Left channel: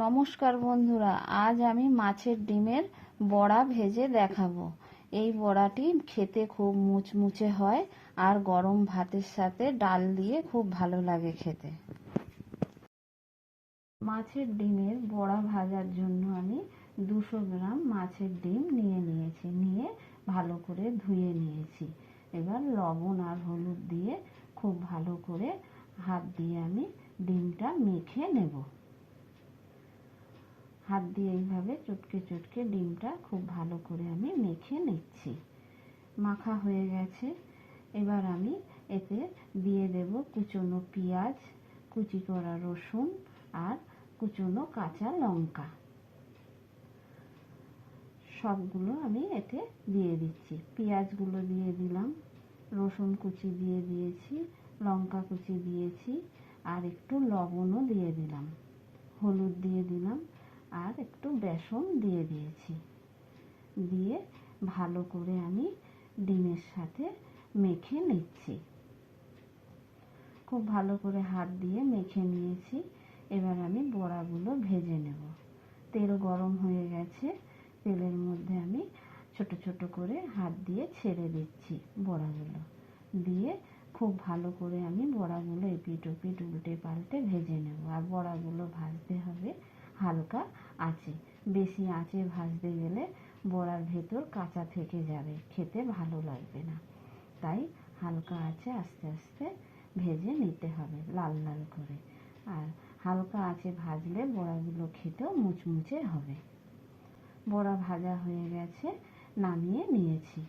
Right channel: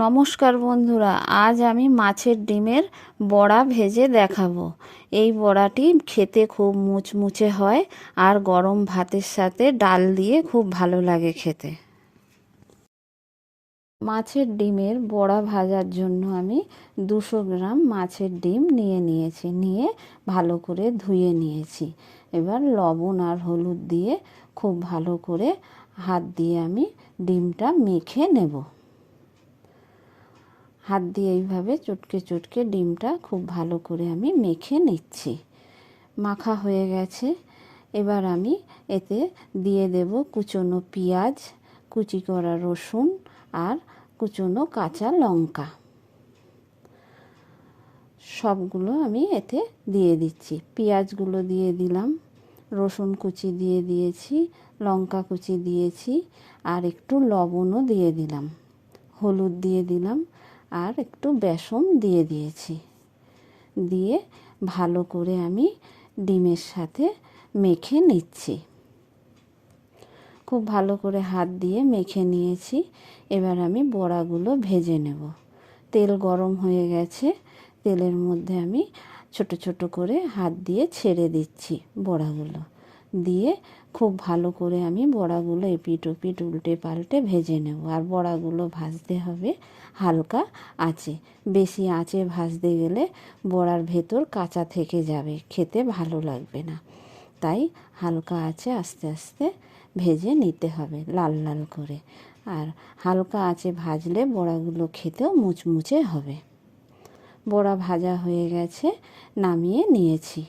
নমস্কার বন্ধুরা, আজ আমি মাছের ডিমের বড়া ভেজে দেখাবো। এই বড়াটি খেতে খুব মুচমুচে হয় আর গরম ভাতের সাথে ডাল দিয়ে খুব ভালো লাগে খেতে। মাছের ডিমের বড়া ভাজার জন্য আমি 200 গ্রাম মাছের ডিম নিয়ে ভালো করে ধুয়ে নিয়েছি। এবার লবণ আর হলুদ দিয়ে খুব ভালো করে হাত দিয়ে আমি ডিমটা মেখে নেব। হাত দিয়ে এইভাবে চটকে চটকে ডিমটা খুব ভালো করে আমি মেখে নিচ্ছি। মাখা হয়ে গেছে। এবার আমি এতে দিয়ে দেব কুচনো পেঁয়াজ, কুচি করা রসুন আর কুচনো কাঁচা লঙ্কা। সবগুলো আমি এতে দিয়ে দিচ্ছি। পেঁয়াজগুলো দিয়ে দিলাম, রসুন কুচি দিয়ে দিয়েছি, লঙ্কা কুচি দিয়েছি আর একটু লবণও দিয়ে দিলাম, হলুদ দিয়ে দিলাম আর একটু বেসন দিয়ে দিয়েছি। দিয়ে ভালো করে আমি ডিমের সাথে মেখে নিচ্ছি। খুব ভালো করে হাত দিয়ে মেখে নিয়েছি। এবার আমি বড়াগুলো ভেজে নেব। তেল গরম হয়ে গেছে। তেলের মধ্যে আমি ছোট ছোট করে হাত দিয়ে ছেড়ে দিচ্ছি বড়াগুলো। দিয়ে খুব ভালো করে আমি বড়াগুলো এপিট ওপিট উল্টে পাল্টে ভেজে নেব। আর বড়াগুলো ভাজতে হবে হালকা আঁচে। বেশি আঁচে ভাজতে গেলে বড়ার ভেতর কাঁচা থেকে যাবে, খেতে ভালো লাগবে না। তাই হালকা আঁচে আস্তে আস্তে ভেজে নিতে হবে লাল লাল করে। আর হালকা আঁচে ভাজলে বড়াগুলো খেতেও মুচমুচে হবে। বড়া ভাজা হয়ে গেছে, নামিয়ে নিয়েছি।